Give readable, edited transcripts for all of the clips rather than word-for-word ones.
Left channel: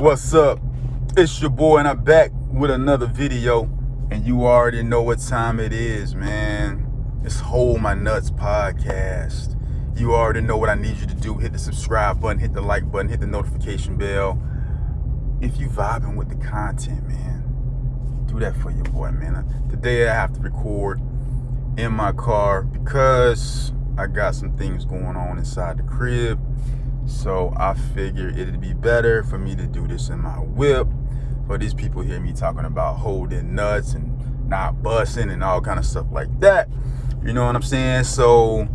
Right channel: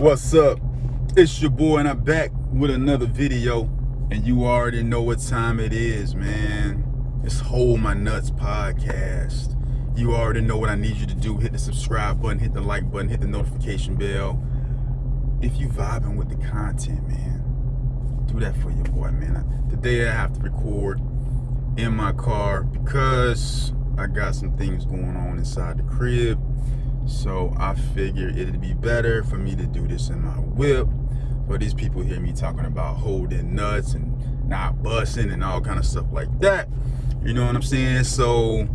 What's up? It's your boy and I'm back with another video, and you already know what time it is, man. It's Hold My Nuts podcast. You already know what I need you to do. Hit the subscribe button, hit the like button, hit the notification bell. If you vibing with the content, man, do that for your boy, man. Today I have to record in my car because I got some things going on inside the crib. So I figured it'd be better for me to do this in my whip. But these people hear me talking about holding nuts and not busting and all kind of stuff like that. You know what I'm saying? So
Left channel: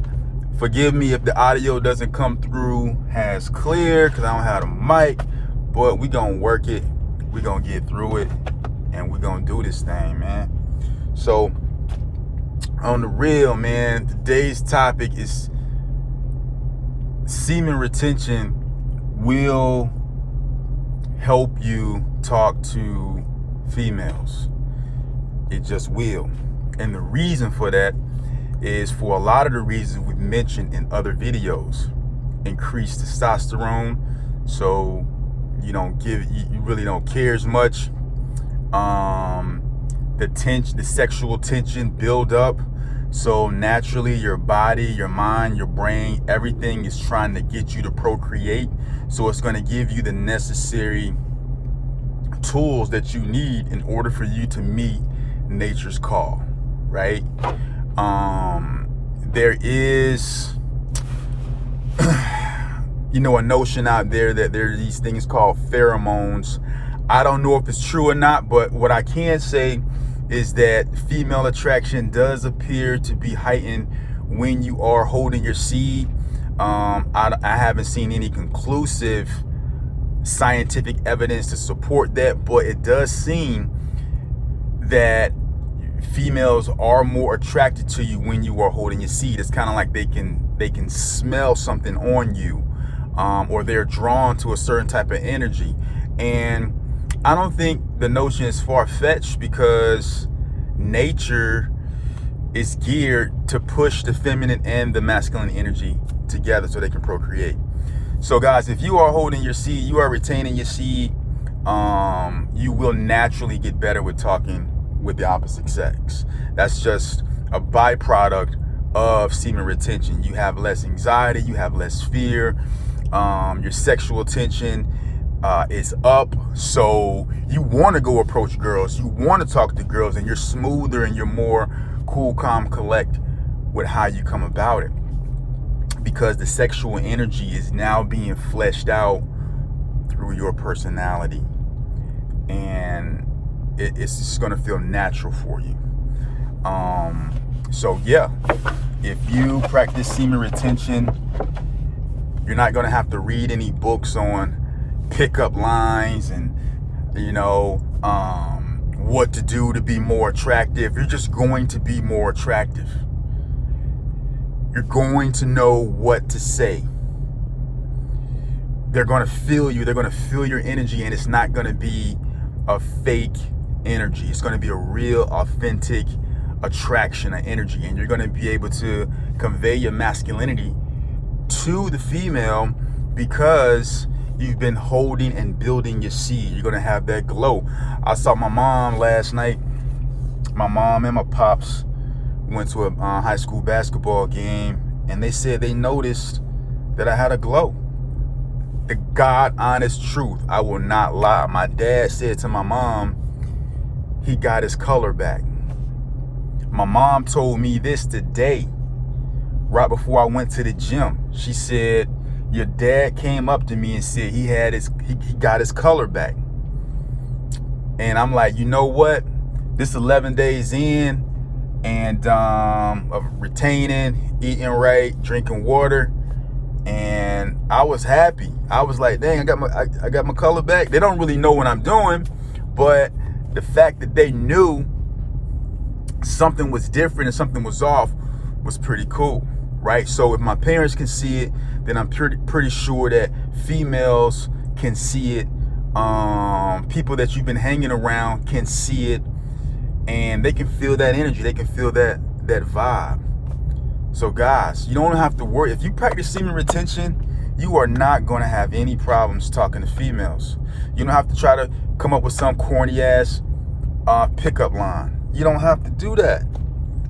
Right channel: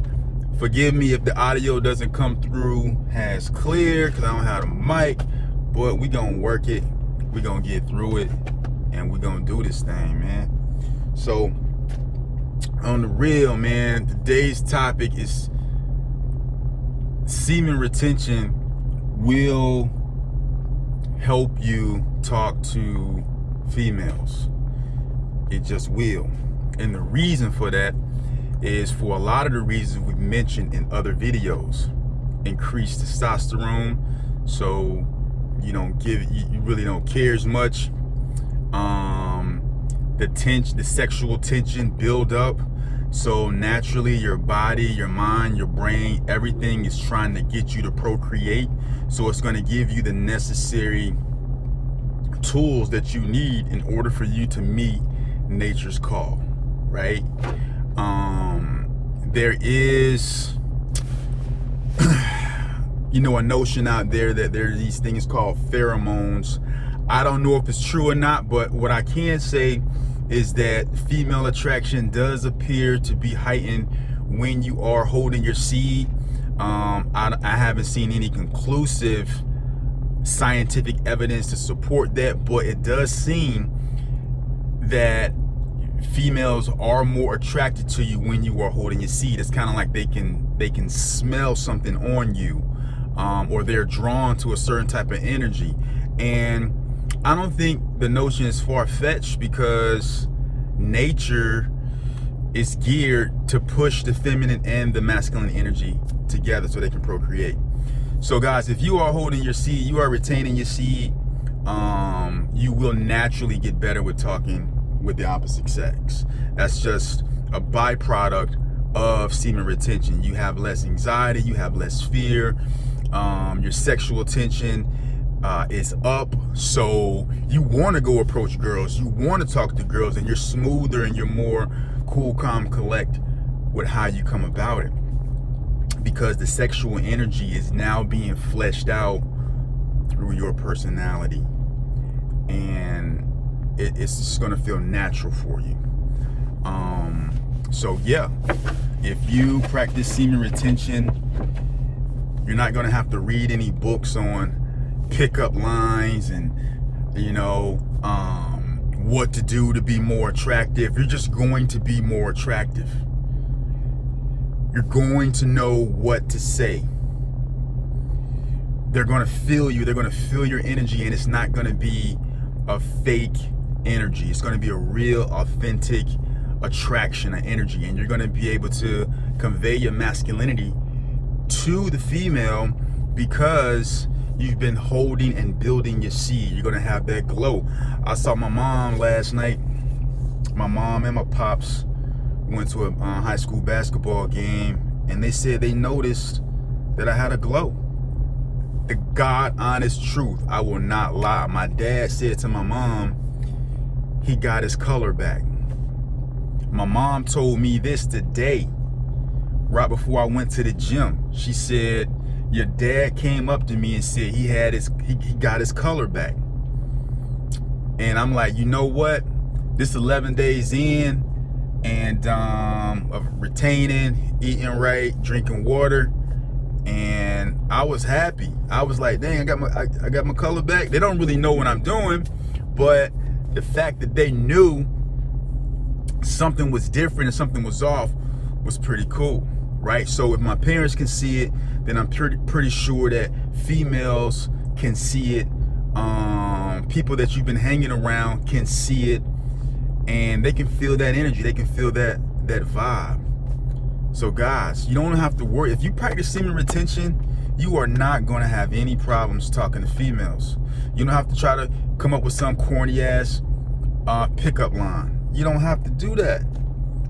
forgive me if the audio doesn't come through as clear because I don't have a mic. But we gonna work it. We gonna get through it. And we gonna do this thing, man. So on the real, man, today's topic is semen retention will help you talk to females. It just will. And the reason for that is for a lot of the reasons we've mentioned in other videos. Increased testosterone, so you really don't care as much. The sexual tension build up. So naturally, your body, your mind, your brain, everything is trying to get you to procreate. So it's going to give you the necessary tools that you need in order for you to meet nature's call, right? There is, a notion out there that there are these things called pheromones. I don't know if it's true or not, but what I can say is that female attraction does appear to be heightened when you are holding your seed. I haven't seen any conclusive scientific evidence to support that, but it does seem that females are more attracted to you when you are holding your seed. It's kind of like they can smell something on you, or they're drawn to a certain type of energy. And I don't think the notion is far-fetched because nature is geared to push the feminine and the masculine energy together so they can procreate. So guys, if you are holding your seed, you are retaining your seed, you will naturally get better with talking with the opposite sex. That's just a byproduct of semen retention. You have less anxiety, you have less fear, your sexual tension is up, so you want to go approach girls, you want to talk to girls, and you're smoother and you're more cool, calm, collect with how you come about it, because the sexual energy is now being fleshed out through your personality, and it's just going to feel natural for you. So yeah, if you practice semen retention, you're not going to have to read any books on pickup lines and what to do to be more attractive. You're just going to be more attractive. You're going to know what to say. They're going to feel you. They're going to feel your energy, and it's not going to be a fake energy. It's going to be a real, authentic attraction of energy, and you're going to be able to convey your masculinity to the female because you've been holding and building your seed. You're going to have that glow. I saw my mom last night. My mom and my pops went to a high school basketball game, and they said they noticed that I had a glow. The God honest truth. I will not lie. My dad said to my mom, he got his color back. My mom told me this today, right before I went to the gym. She said, your dad came up to me and said he got his color back. And I'm like, you know what? This 11 days in and of retaining, eating right, drinking water, and I was happy. I was like, dang, I got my color back. They don't really know what I'm doing, but the fact that they knew something was different and something was off was pretty cool, right? So if my parents can see it, then I'm pretty sure that females can see it. People that you've been hanging around can see it, and they can feel that energy. They can feel that vibe. So guys, you don't have to worry. If you practice semen retention, you are not going to have any problems talking to females. You don't have to try to come up with some corny ass pickup line. You don't have to do that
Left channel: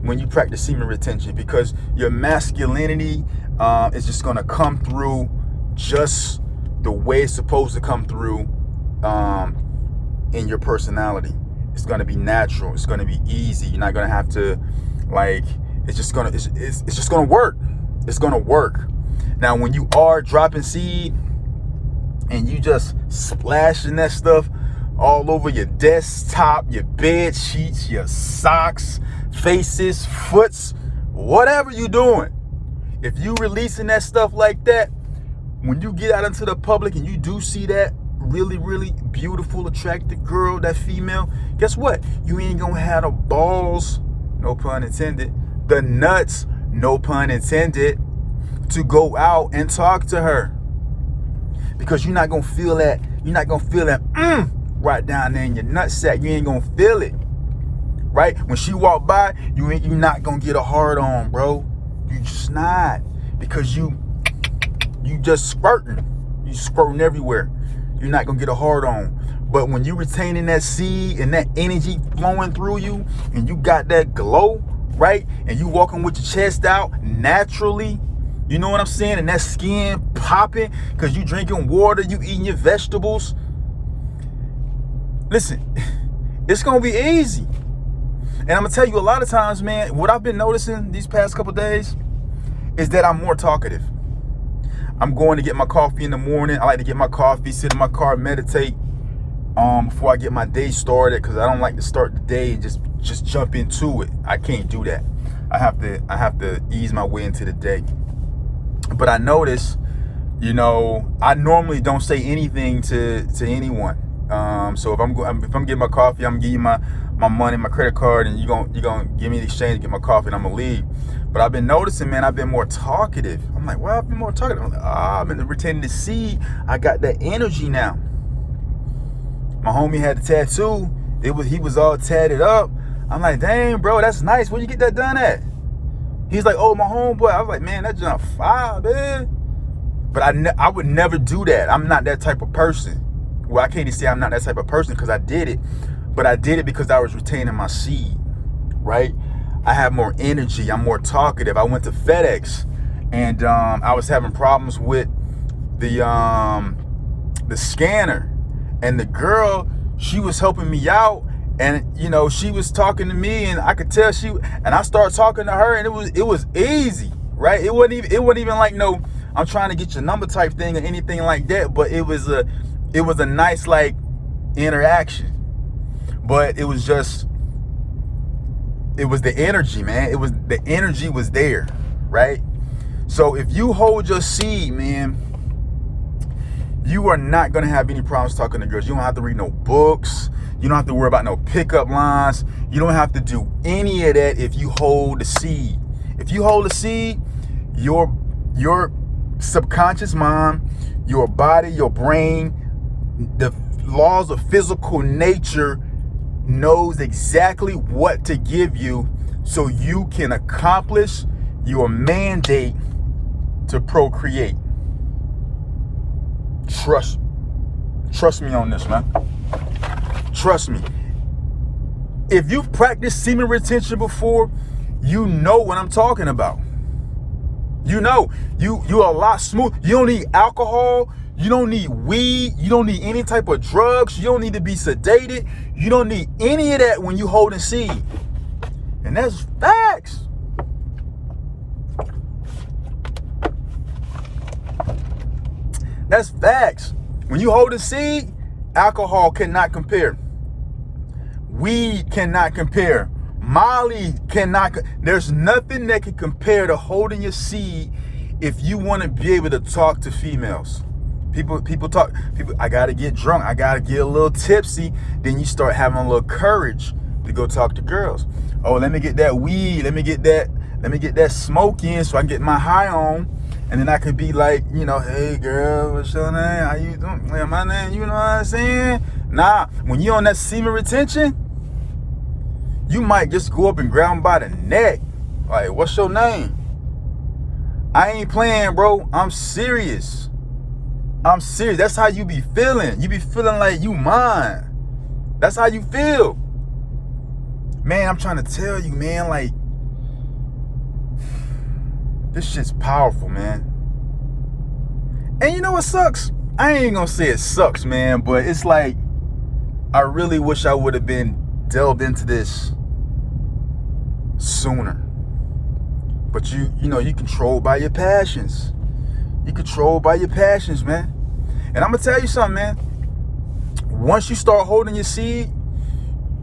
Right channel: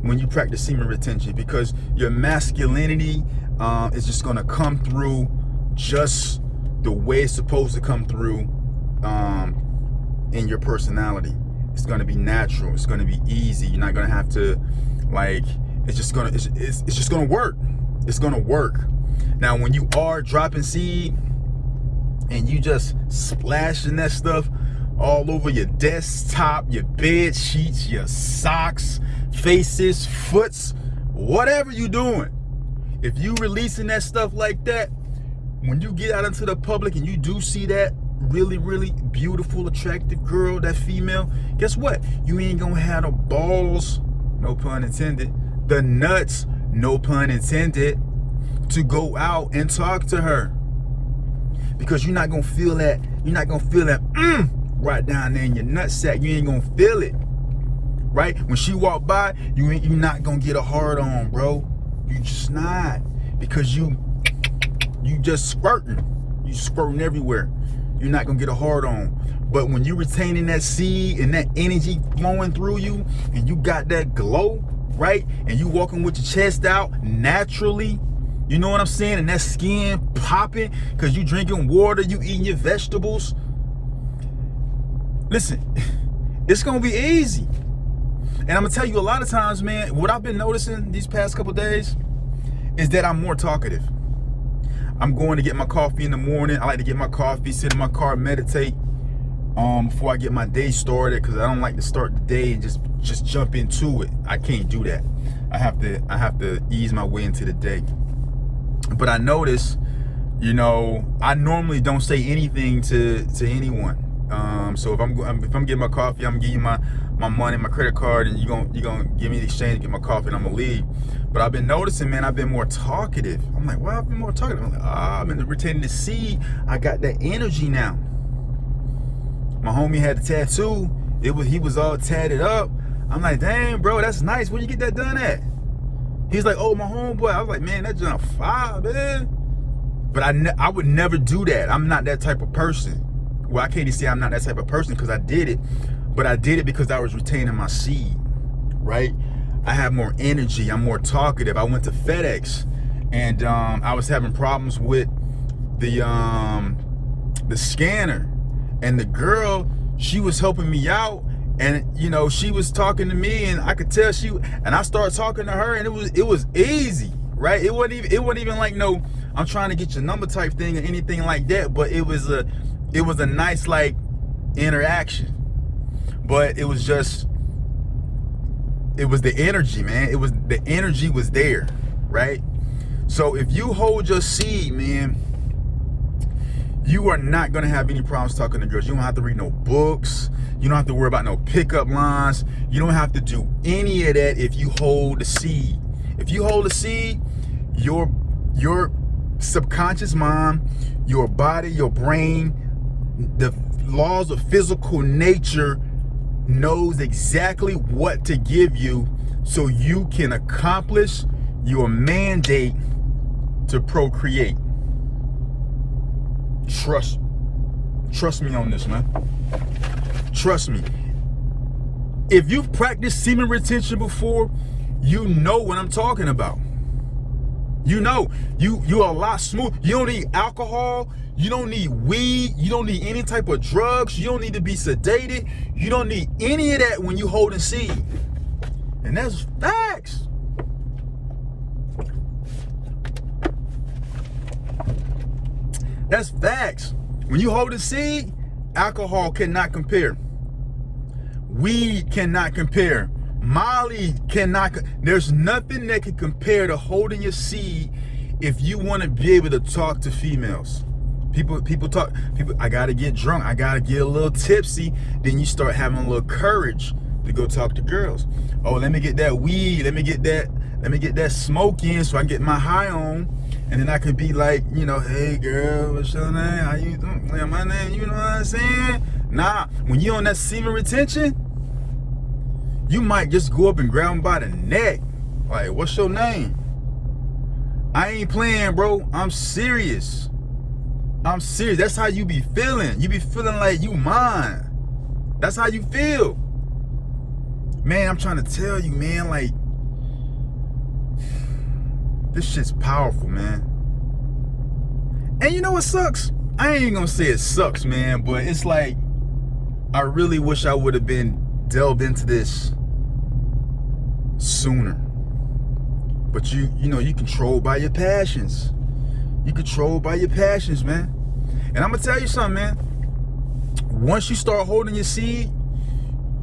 when you practice semen retention, because your masculinity is just going to come through just the way it's supposed to come through in your personality. It's going to be natural. It's going to be easy. You're not going to have to, like, it's just going to work. It's going to work. Now, when you are dropping seed and you just splashing that stuff all over your desktop, your bed sheets, your socks, faces, foots, whatever you're doing, if you releasing that stuff like that, when you get out into the public and you do see that really, really beautiful, attractive girl, that female, guess what? You ain't gonna have the balls, no pun intended, the nuts, no pun intended, to go out and talk to her. Because you're not gonna feel that, right down there in your nutsack. You ain't gonna feel it. Right? When she walk by, you're not gonna get a hard on, bro. You just not. Because you just squirting. You squirting everywhere. You're not gonna get a hard on. But when you retaining that seed and that energy flowing through you, and you got that glow, right? And you walking with your chest out naturally, you know what I'm saying? And that skin popping because you drinking water, you eating your vegetables. Listen, it's gonna be easy. And I'm gonna tell you, a lot of times, man, what I've been noticing these past couple days is that I'm more talkative. I'm going to get my coffee in the morning. I like to get my coffee, sit in my car, meditate before I get my day started, because I don't like to start the day and just jump into it. I can't do that. I have to ease my way into the day. But I notice, I normally don't say anything to anyone. So if I'm getting my coffee, I'm gonna give you my money, my credit card, and you're gonna give me the exchange, get my coffee, and I'm gonna leave. But I've been noticing, man, I've been more talkative. I'm like, well, I've been more talkative. I'm like, I've been retaining the seed. I got that energy now. My homie had the tattoo. He was all tatted up. I'm like, dang, bro, that's nice. Where you get that done at? He's like, oh, my homeboy. I was like, man, that's junk fire, man. But I would never do that. I'm not that type of person. Well, I can't even say I'm not that type of person because I did it. But I did it because I was retaining my seed, right? I have more energy. I'm more talkative. I went to FedEx, and I was having problems with the scanner. And the girl, she was helping me out. And, she was talking to me, and I could tell and I started talking to her, and it was easy, right? It wasn't even like, no, I'm trying to get your number type thing or anything like that. But it was a nice, like, interaction. But it was the energy, man. The energy was there, right? So if you hold your seed, man, you are not going to have any problems talking to girls. You don't have to read no books. You don't have to worry about no pickup lines. You don't have to do any of that if you hold the seed. If you hold the seed, your subconscious mind, your body, your brain, the laws of physical nature knows exactly what to give you so you can accomplish your mandate to procreate. Trust me on this, man. Trust me. If you've practiced semen retention before, you know what I'm talking about. You're a lot smooth. You don't need alcohol. You don't need weed. You don't need any type of drugs. You don't need to be sedated. You don't need any of that when you holding seed. And that's facts. That's facts. When you hold a seed, alcohol cannot compare. Weed cannot compare. Molly cannot. There's nothing that can compare to holding your seed if you want to be able to talk to females. People, I got to get drunk. I got to get a little tipsy. Then you start having a little courage to go talk to girls. Oh, let me get that weed. Let me get that smoke in so I can get my high on. And then I could be like, hey girl, what's your name? How you doing? Yeah, my name, you know what I'm saying? Nah, when you on that semen retention, you might just go up and grab them by the neck. Like, what's your name? I ain't playing, bro. I'm serious. I'm serious. That's how you be feeling. You be feeling like you mine. That's how you feel. Man, I'm trying to tell you, man, like, this shit's powerful, man. And you know what sucks? I ain't gonna say it sucks, man, but it's like, I really wish I would have been delved into this sooner. But you know, you controlled by your passions. You controlled by your passions, man. And I'm gonna tell you something, man. Once you start holding your seed,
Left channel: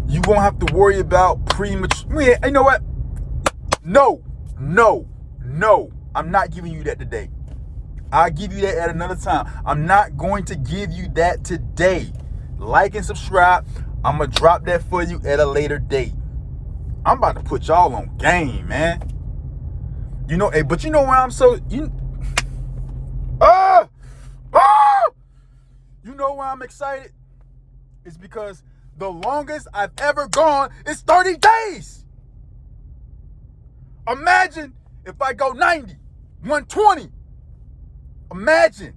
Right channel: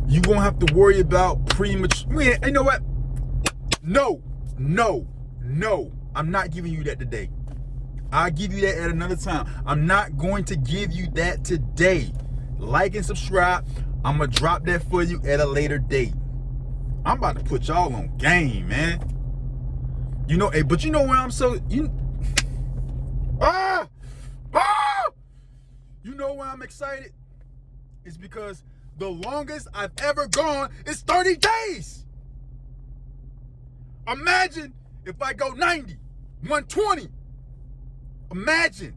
you won't have to worry about premature. Man, you know what? No. I'm not giving you that today. I'll give you that at another time. I'm not going to give you that today. Like and subscribe. I'm going to drop that for you at a later date. I'm about to put y'all on game, man. You know, hey, but you know why I'm so... You know why I'm excited? It's because the longest I've ever gone is 30 days. Imagine if I go 90, 120. Imagine.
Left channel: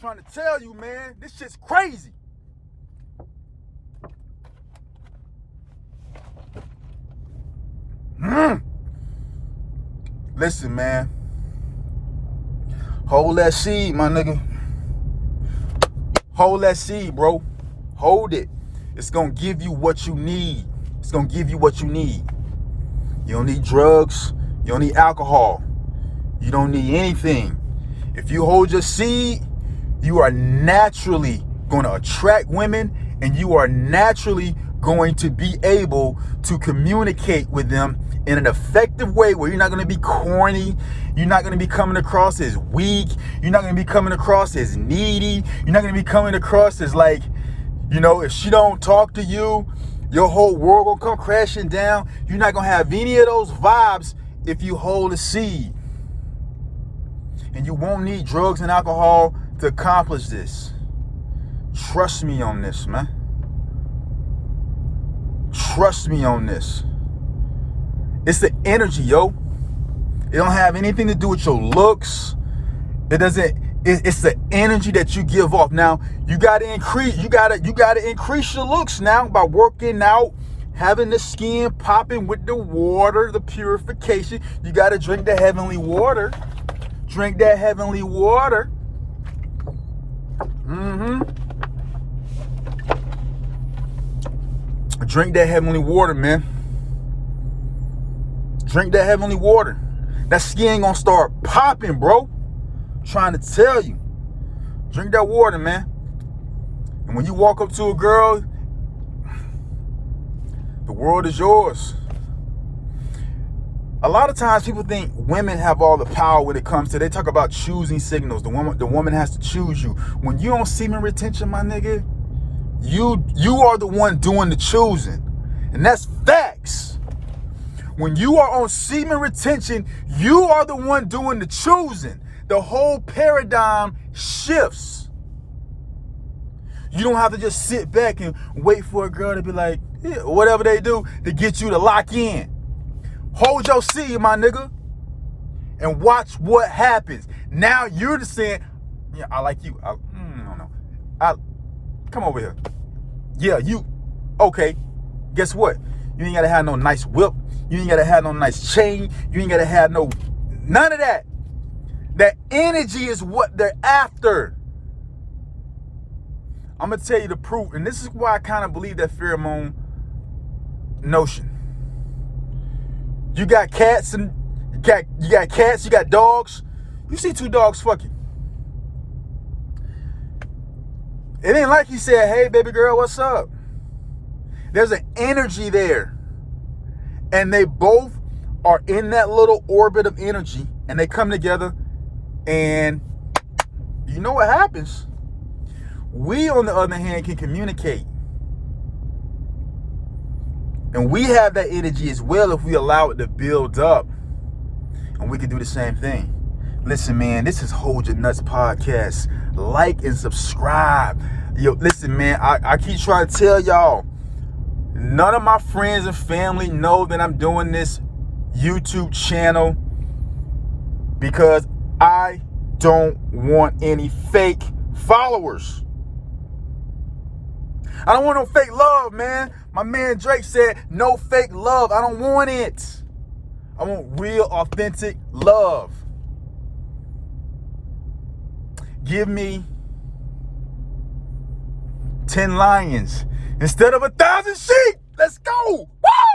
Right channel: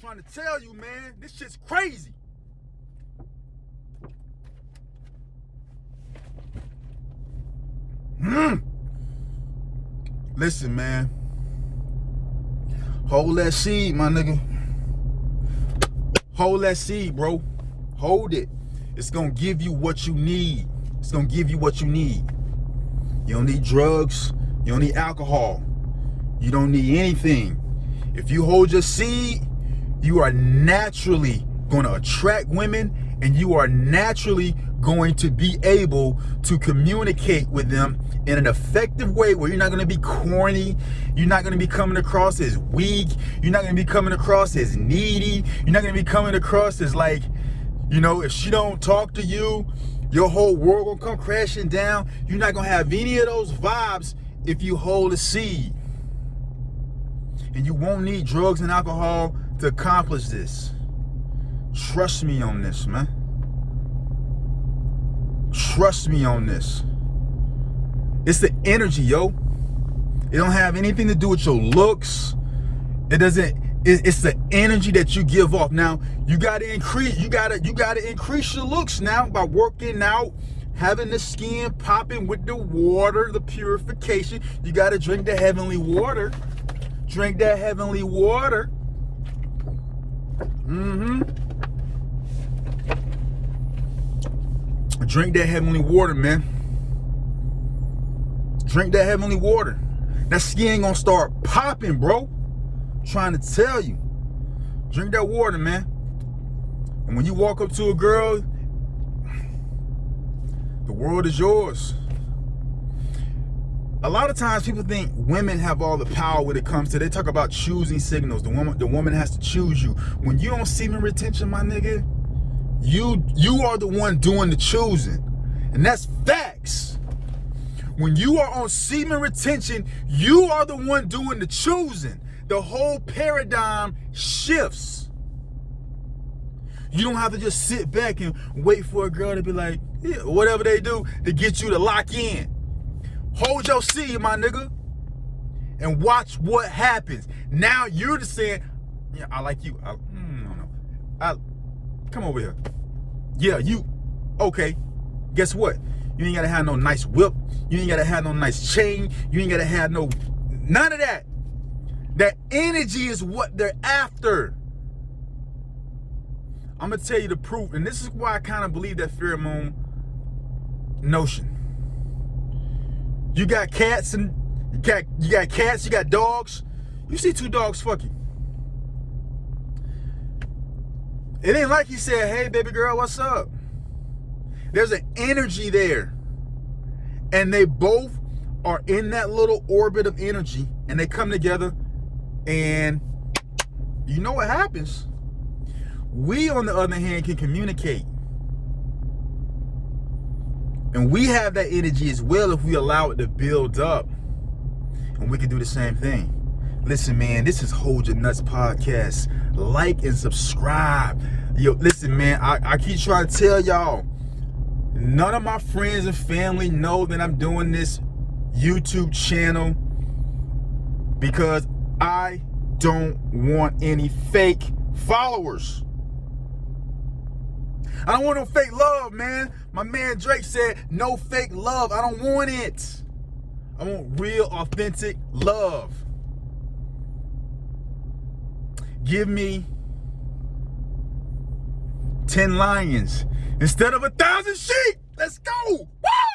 Trying to tell you, man, this shit's crazy. Listen, man. Hold that seed, my nigga. Hold that seed, bro. Hold it. It's gonna give you what you need. It's gonna give you what you need. You don't need drugs. You don't need alcohol. You don't need anything. If you hold your seed, you are naturally gonna attract women, and you are naturally going to be able to communicate with them in an effective way where you're not going to be corny. You're not going to be coming across as weak. You're not going to be coming across as needy. You're not going to be coming across as like, you know, if she don't talk to you, your whole world gonna come crashing down. You're not going to have any of those vibes if you hold a seed. And you won't need drugs and alcohol to accomplish this. Trust me on this, man. Trust me on this. It's the energy, yo. It don't have anything to do with your looks. It doesn't. It's the energy that you give off. Now you gotta increase. You gotta increase your looks now by working out, having the skin popping with the water, the purification. You gotta drink the heavenly water. Drink that heavenly water. Drink that heavenly water, man. Drink that heavenly water. That skin gonna start popping, bro. I'm trying to tell you. Drink that water, man. And when you walk up to a girl, the world is yours. A lot of times people think women have all the power when it comes to, they talk about choosing signals. The woman has to choose you. When you on semen retention, my nigga, you are the one doing the choosing. And that's facts. When you are on semen retention, you are the one doing the choosing. The whole paradigm shifts. You don't have to just sit back and wait for a girl to be like, yeah, whatever they do to get you to lock in. Hold your seed, my nigga, and watch what happens. Now you're just saying, yeah, I like you. I don't know. Come over here. Yeah, you. Okay. Guess what? You ain't gotta have no nice whip. You ain't gotta have no nice chain. You ain't gotta have none of that. That energy is what they're after. I'm gonna tell you the proof, and this is why I kind of believe that pheromone notion. You got cats and you got cats, you got dogs. You see two dogs fucking. It ain't like he said, hey, baby girl, what's up? There's an energy there. And they both are in that little orbit of energy, and they come together, and you know what happens? We, on the other hand, can communicate. And we have that energy as well if we allow it to build up. And we can do the same thing. Listen, man, this is Hold Your Nuts Podcast. Like and subscribe. Yo, listen, man, I keep trying to tell y'all, None of my friends and family know that I'm doing this YouTube channel because I don't want any fake followers. I don't want no fake love, man. My man Drake said, no fake love. I don't want it. I want real, authentic love. Give me 10 lions instead of 1,000 sheep. Let's go. Woo!